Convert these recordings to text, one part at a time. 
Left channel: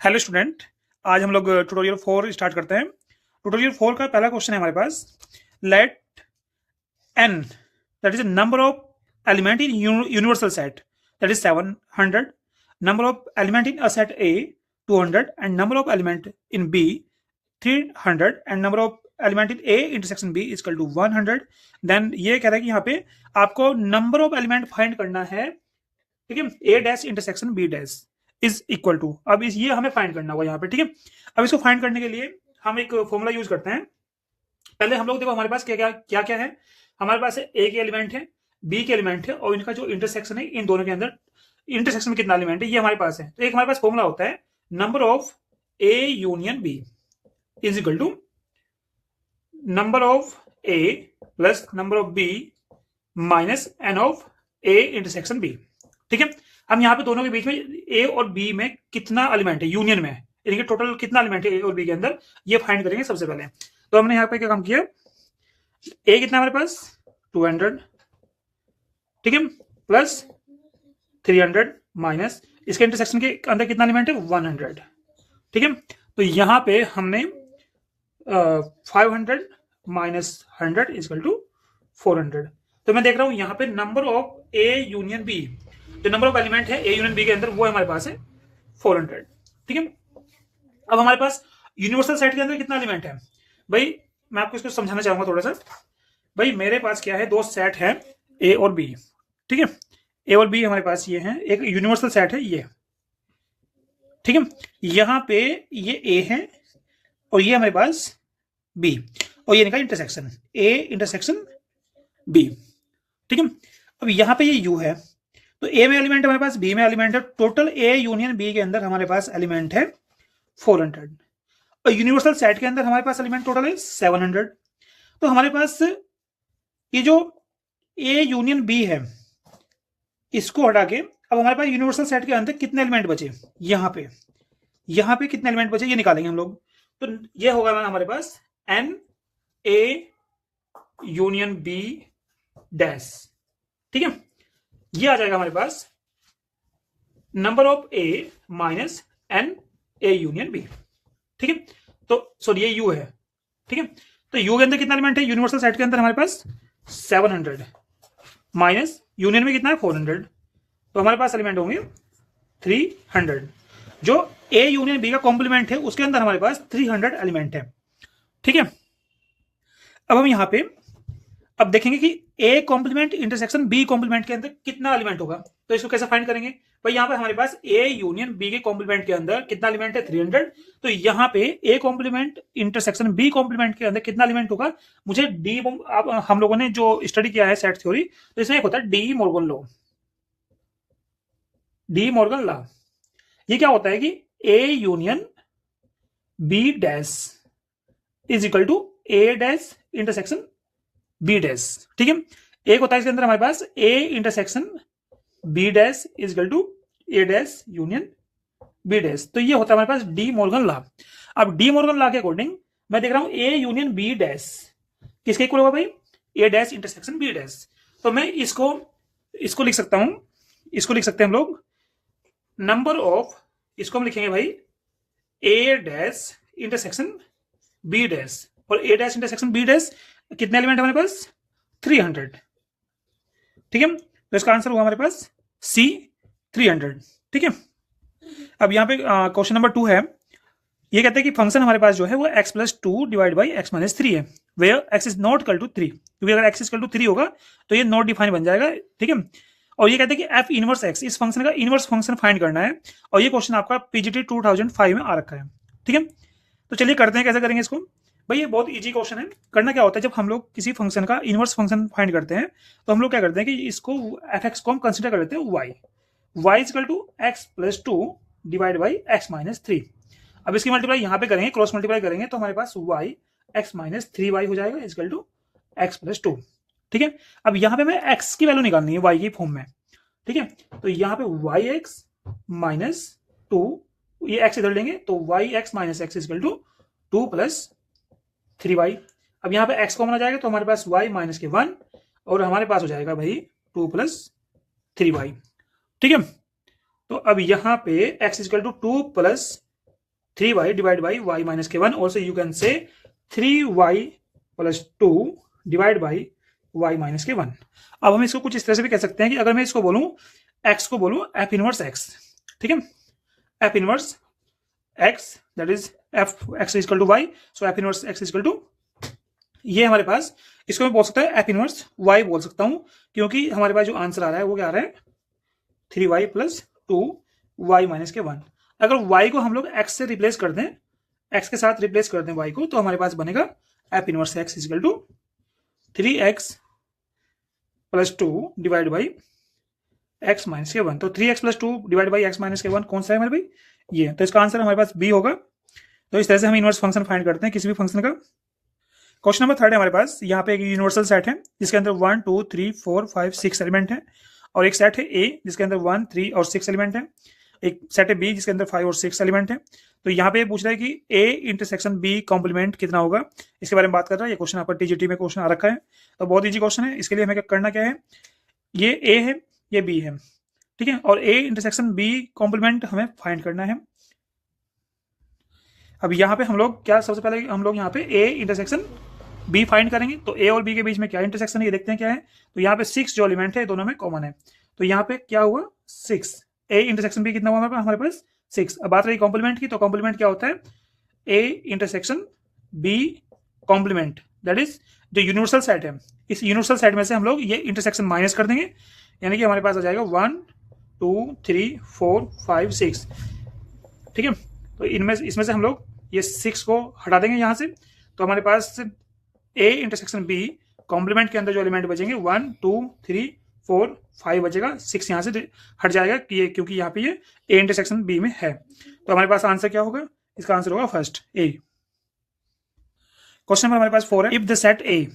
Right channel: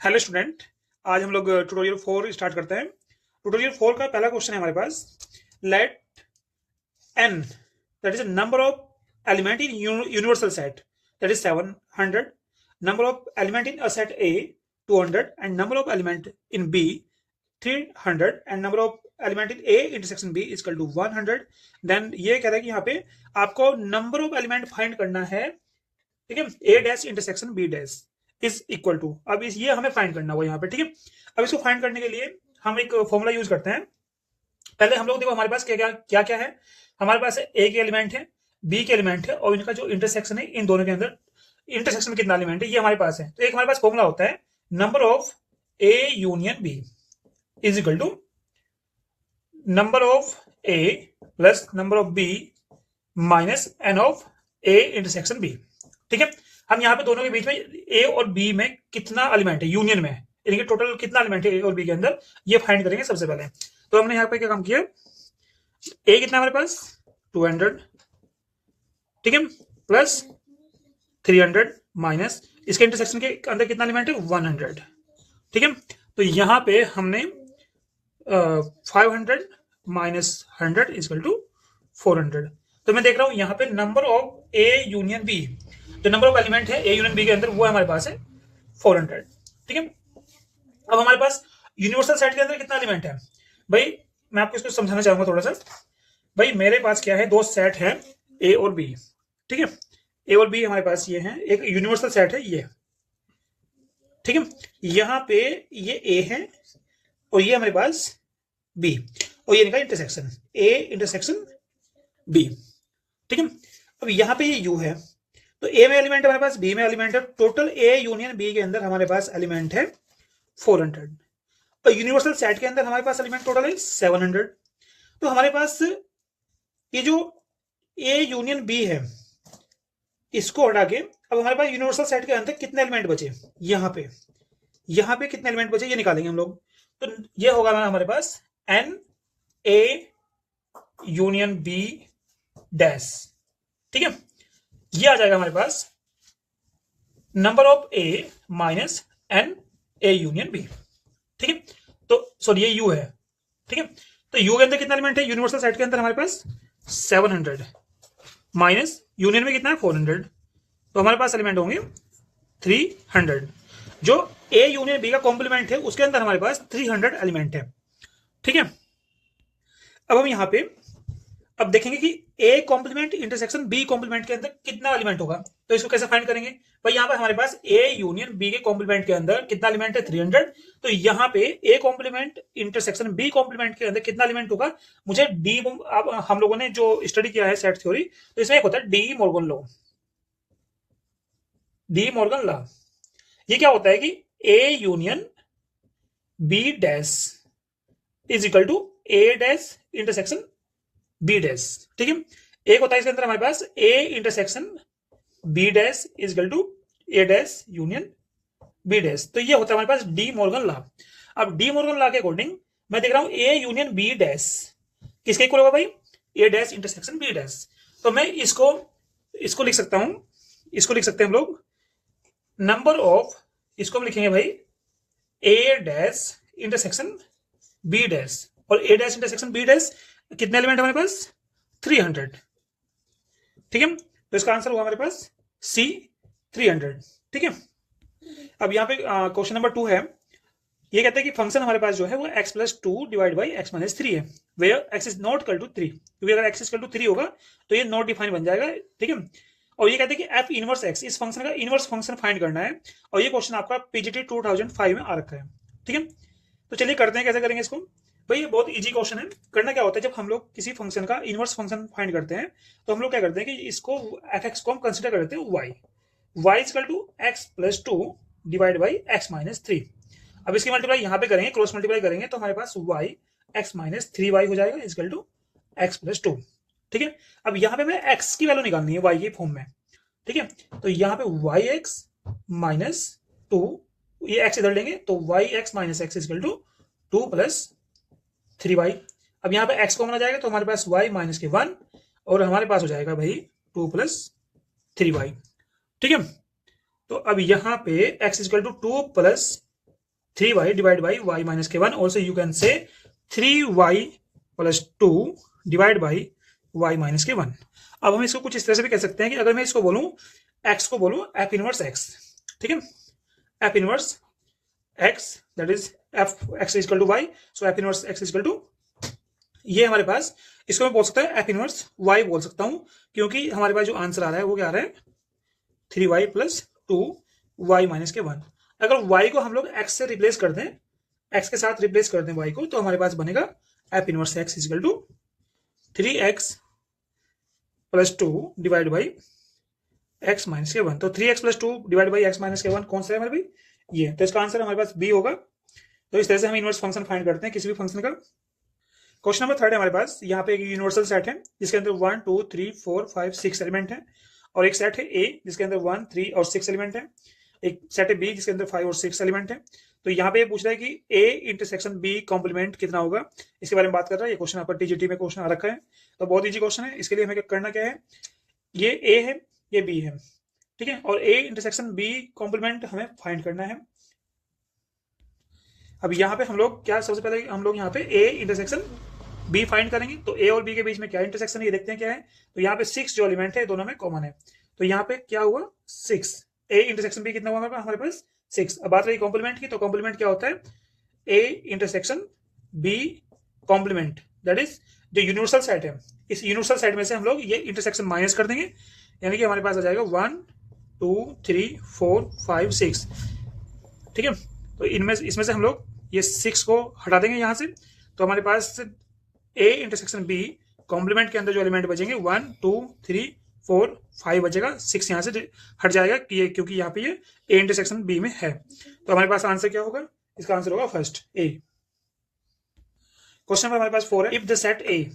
Hello student. आज हम लोग ट्यूटोरियल 4 स्टार्ट करते हैं। ट्यूटोरियल 4 का पहला क्वेश्चन है हमारे पास। Let n that is number of element in universal set that is 700, number of element in a set A 200 and number of element in B 300 and number of element in A intersection B equal to 100। देन ये कह रहा है कि यहाँ पे आपको number of element find करना है, ठीक है। A dash intersection B dash is equal to, अब इस ये हमें फाइंड करना होगा यहाँ पे, ठीक है। अब इसको फाइंड करने के लिए हम एक फॉर्मूला यूज करते हैं। पहले हम लोग देखो हमारे पास क्या क्या है। हमारे पास ए के एलिमेंट है, बी के एलिमेंट है और इनका जो इंटरसेक्शन है, इन दोनों के अंदर इंटरसेक्शन में कितना एलिमेंट है ये हमारे पास है। तो एक हमारे पास फॉर्मूला होता है number of A union B is equal to number of A plus number of B minus N of A intersection B, ठीक है। हम यहाँ पे दोनों के बीच में ए और बी में कितना एलिमेंट है यूनियन में, इनके टोटल कितना एलिमेंट है ए और बी के अंदर, ये फाइंड करेंगे सबसे पहले। तो हमने यहाँ पे क्या काम किया, ए कितना हमारे पास 200, ठीक है, प्लस 300 माइनस इसके इंटरसेक्शन के अंदर कितना एलिमेंट है 100, ठीक है। तो यहाँ पे हमने 500 माइनस 100 इक्वल टू 400। तो मैं देख रहा हूँ यहाँ पे number of A union B, जो नंबर ऑफ एलिमेंट है ए यूनियन बी के अंदर वो हमारे पास है 400, ठीक है। अब हमारे पास यूनिवर्सल सेट के अंदर कितना एलिमेंट है भाई, मैं आपको इसको समझाना चाहूंगा थोड़ा सा। भाई मेरे पास क्या है, दो सेट है ए और बी, ठीक है। ए और बी हमारे पास ये है, एक यूनिवर्सल सेट है ये, ठीक है। यहाँ पे ये ए है और ये हमारे पास बी और ये इनका इंटरसेक्शन ए इंटरसेक्शन बी, ठीक है। अब यहाँ पे ये यू है, तो ए में एलिमेंट हमारे पास, बी में एलिमेंट है, टोटल ए यूनियन बी के अंदर हमारे पास एलिमेंट है 400 और यूनिवर्सल सेट के अंदर हमारे पास एलिमेंट टोटल है 700। तो हमारे पास ये जो ए यूनियन बी है इसको हटा के अब हमारे पास यूनिवर्सल सेट के अंदर कितने एलिमेंट बचे, यहाँ पे कितने एलिमेंट बचे ये निकालेंगे हम लोग। तो ये होगा हमारे पास n A union B dash, ठीक है। ये आ जाएगा हमारे पास number of A minus n A union B, ठीक है। तो सॉरी ये यू है, ठीक है। तो यू के अंदर कितना एलिमेंट है, यूनिवर्सल सेट के अंदर हमारे पास 700 माइनस यूनियन में कितना है 400, तो हमारे पास एलिमेंट होंगे 300। जो ए यूनियन बी का कॉम्प्लीमेंट है उसके अंदर हमारे पास 300 एलिमेंट है, ठीक है। अब हम यहाँ पे अब देखेंगे कि A complement intersection B complement के अंदर कितना एलिमेंट होगा। तो इसको कैसे फाइंड करेंगे भाई, यहाँ पर हमारे पास ए यूनियन बी के कॉम्प्लीमेंट के अंदर कितना एलिमेंट है 300। तो यहाँ पे A complement intersection B complement के अंदर कितना एलिमेंट होगा, मुझे डी, हम लोगों ने जो स्टडी किया है सेट थ्योरी, तो इसमें एक होता है De Morgan law. De Morgan law ये क्या होता है कि A union B dash is equal to A dash intersection B dash, ठीक है। एक होता है इसके अंदर हमारे पास A intersection B dash is equal to A dash union B dash. तो ये होता है हमारे पास डी मॉर्गन लॉ। अब डी मॉर्गन लॉ के अकॉर्डिंग मैं देख रहा हूं ए यूनियन बी डैश किसके इक्वल होगा भाई, ए डैश इंटरसेक्शन बी डैश। तो मैं इसको लिख सकता हूं, इसको लिख सकते हैं हम लोग नंबर ऑफ, इसको हम लिखेंगे भाई ए डैश इंटरसेक्शन बी डैश, और ए डैश इंटरसेक्शन बी डैश कितने एलिमेंट हमारे पास 300, ठीक है। तो इसका आंसर हुआ हमारे पास सी 300, ठीक है। अब यहाँ पे क्वेश्चन नंबर 2 है, ये कहते हैं कि फंक्शन हमारे पास जो है वो x plus 2 divide by x minus 3 है, where x is not equal to 3, क्योंकि अगर x इक्वल टू 3 होगा तो ये नॉट डिफाइन बन जाएगा, ठीक है। और ये कहते हैं कि f इनवर्स x, इस फंक्शन का इनवर्स फंक्शन फाइंड करना है, और ये क्वेश्चन आपका पीजीटी 2005 में आ रखा है, ठीक है। तो चलिए करते हैं, कैसे करेंगे इसको भाई, ये बहुत इजी क्वेश्चन है। करना क्या होता है, जब हम लोग किसी फंक्शन का इनवर्स फंक्शन फाइंड करते हैं तो हम लोग क्या करते हैं कि इसको fx को हम कंसीडर कर लेते हैं y equal to x plus 2 divide by x minus 3। अब इसकी मल्टीप्लाई यहाँ पे करेंगे, क्रॉस मल्टीप्लाई करेंगे तो हमारे पास y x माइनस 3y हो जाएगा इक्वल टू x प्लस 2, ठीक है। अब यहाँ पे मैं x की वैल्यू निकालनी है y की फॉर्म में, ठीक है। तो यहाँ पे yx माइनस 2, ये x इधर लेंगे तो yx minus x equal to 2 plus 3y। अब यहाँ पे x कॉमन आ जाएगा तो हमारे पास y माइनस के 1 और हमारे पास हो जाएगा भाई 2 प्लस 3y, ठीक है। तो अब यहाँ पे x equal to 2 plus 3y divided by y minus k1. Also you can say 3y plus 2 divided by y minus k1. अब हम इसको कुछ इस तरह से भी कह सकते हैं कि अगर मैं इसको बोलूं x को बोलूं f इनवर्स x, ठीक है, f inverse x that is f x is equal to y, so f inverse x is equal to, ये हमारे पास, इसको मैं बोल सकता है f इनवर्स y बोल सकता हूं, क्योंकि हमारे पास जो आंसर आ रहा है वो क्या आ रहा है 3y प्लस 2y माइनस के 1। अगर y को हम लोग x से रिप्लेस कर दें, x के साथ रिप्लेस कर दें y को, तो हमारे पास बनेगा f inverse x is equal to 3x plus 2 divide by x minus के 1। तो 3x plus 2 divide by x minus के 1 कौन सा है हमारे भाई, ये। तो इसका आंसर हमारे पास b होगा। तो इस तरह से हम इनवर्स फंक्शन फाइंड करते हैं किसी भी फंक्शन का। क्वेश्चन नंबर 3 है हमारे पास, यहाँ पे एक यूनिवर्सल सेट है जिसके अंदर 1 2 3 4 5 6 एलिमेंट है, और एक सेट है A जिसके अंदर 1 3 और 6 एलिमेंट है, एक सेट है B जिसके अंदर 5 और 6 एलिमेंट है। तो यहाँ पे पूछ रहा है कि A इंटरसेक्शन B कॉम्प्लीमेंट कितना होगा, इसके बारे में बात कर रहा है। ये क्वेश्चन आपका TGT में क्वेश्चन आ रखा है, तो बहुत ईजी क्वेश्चन है। इसके लिए हमें करना क्या है, ये A है ये B है, ठीक है, और A इंटरसेक्शन B कॉम्प्लीमेंट हमें फाइंड करना है। अब यहाँ पे हम लोग क्या, सबसे पहले हम लोग यहाँ पे A इंटरसेक्शन B फाइंड करेंगे। तो A और B के बीच में क्या इंटरसेक्शन है ये देखते हैं क्या है। तो यहाँ पे 6 जो एलिमेंट है दोनों में कॉमन है, तो यहाँ पे क्या हुआ 6, A इंटरसेक्शन B कितना हुआ हमारे पास 6। अब बात रही कॉम्प्लीमेंट की, तो कॉम्प्लीमेंट क्या होता है A intersection B complement, that is जो यूनिवर्सल सेट है, इस यूनिवर्सल सेट में से हम लोग ये इंटरसेक्शन माइनस कर देंगे, यानी कि हमारे पास आ जाएगा 1 2 3 4 5 6, ठीक है। तो इसमें से हम लोग ये 6 को हटा देंगे यहाँ से, तो हमारे पास A इंटरसेक्शन B कॉम्प्लीमेंट के अंदर जो एलिमेंट बचेंगे 1 2 3 4 5 बचेगा, 6 यहाँ से हट जाएगा क्योंकि यहाँ पे ये A इंटरसेक्शन B में है। तो हमारे पास आंसर क्या होगा, इसका आंसर होगा फर्स्ट A। क्वेश्चन नंबर हमारे पास 4 है, इफ द सेट A,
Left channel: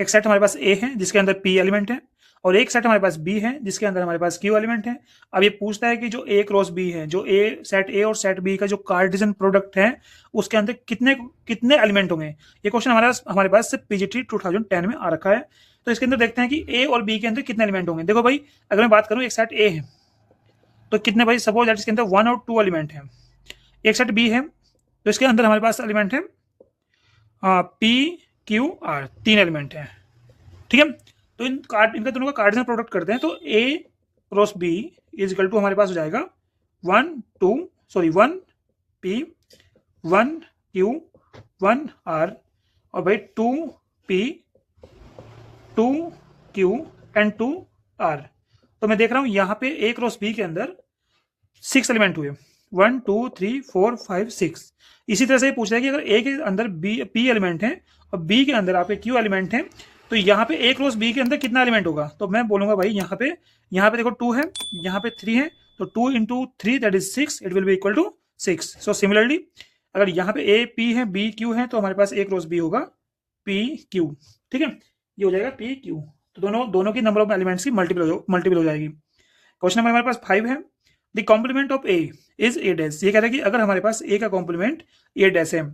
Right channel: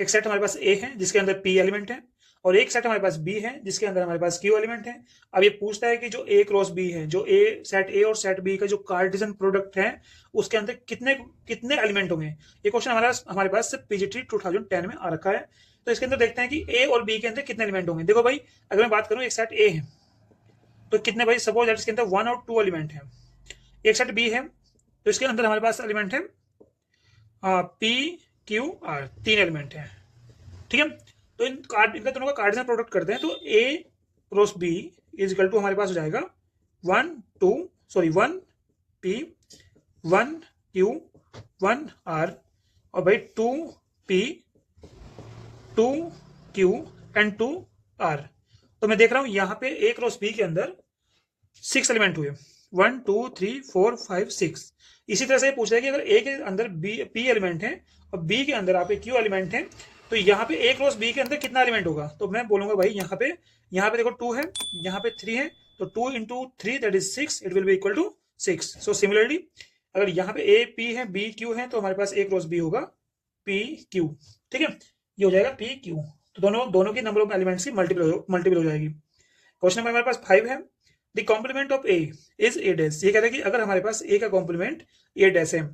एक सेट हमारे पास A है जिसके अंदर P एलिमेंट है, और एक सेट हमारे पास B है जिसके अंदर हमारे पास Q एलिमेंट है। अब ये पूछता है कि जो A क्रॉस B है, जो सेट A और सेट B का जो कार्टेशियन प्रोडक्ट है उसके अंदर कितने एलिमेंट होंगे। ये क्वेश्चन हमारे पास PGT 2010 में आ रखा है। तो इसके अंदर देखते हैं कि A और B के अंदर कितने एलिमेंट होंगे। देखो भाई, अगर मैं बात करूं एक सेट A है तो कितने भाई, सपोज दैट इसके अंदर 1 और 2 एलिमेंट है। एक सेट B है तो इसके अंदर हमारे पास एलिमेंट है P Q R, 3 एलिमेंट है, ठीक है। तो इनका दोनों का कार्डिनल प्रोडक्ट करते हैं, तो A cross B is equal to हमारे पास हो जाएगा 1 P 1 Q 1 R, और भाई 2 P 2 Q एंड 2 R। तो मैं देख रहा हूं यहाँ पे A क्रॉस B के अंदर 6 एलिमेंट हुए, 1 2 3 4 5 6। इसी तरह से पूछ रहा है कि अगर A के अंदर P एलिमेंट है और B के अंदर आप Q एलिमेंट है, तो यहाँ पे A क्रॉस B के अंदर कितना एलिमेंट होगा। तो मैं बोलूंगा भाई यहाँ पे देखो 2 है, यहाँ पे 3 है, तो 2 into 3 that is 6, it will be equal to 6। So similarly अगर यहाँ पे A P है B Q है, तो हमारे पास A क्रॉस B होगा P Q, ठीक है, ये हो जाएगा P Q। तो दोनों की नंबर ऑफ एलिमेंट्स की मल्टीपल हो जाएगी। क्वेश्चन नंबर हमारे पास 5 है, the complement of A is A dash. ये कह रहा है कि अगर हमारे पास A का कॉम्प्लीमेंट A डैश है,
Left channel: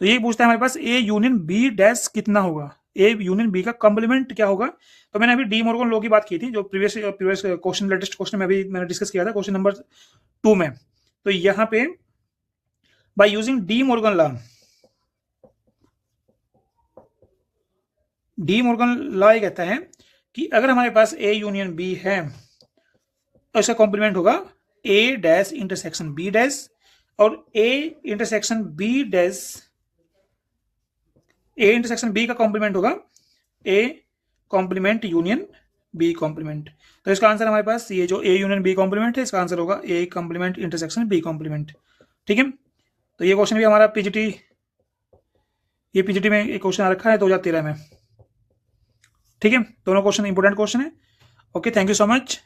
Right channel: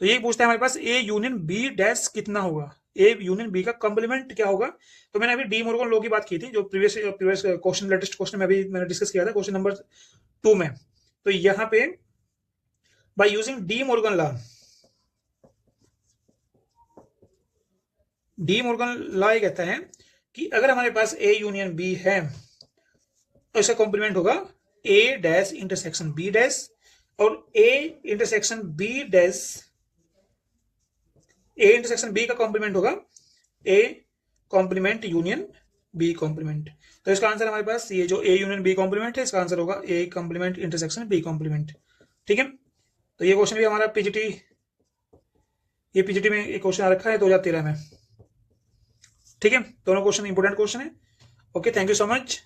तो ये पूछता है हमारे पास A यूनियन B डैश कितना होगा, A यूनियन B का कॉम्प्लीमेंट क्या होगा। तो मैंने अभी डी मॉर्गन लॉ की बात की थी, जो प्रीवियस क्वेश्चन, लेटेस्ट क्वेश्चन में अभी मैंने डिस्कस किया था क्वेश्चन नंबर 2 में। तो यहाँ पे by using D Morgan law ये कहता है कि अगर हमारे पास A यूनियन B है तो इसका कॉम्प्लीमेंट होगा A dash intersection B dash, और A इंटरसेक्शन B का कॉम्प्लीमेंट होगा A complement union B complement. तो इसका आंसर हमारे पास ये जो A यूनियन B कॉम्प्लीमेंट है, इसका आंसर होगा A complement intersection B complement, ठीक है। तो ये क्वेश्चन भी हमारा पीजीटी में एक क्वेश्चन आ रखा है 2013 में, ठीक है। दोनों क्वेश्चन इंपोर्टेंट क्वेश्चन है। Okay, thank you so much.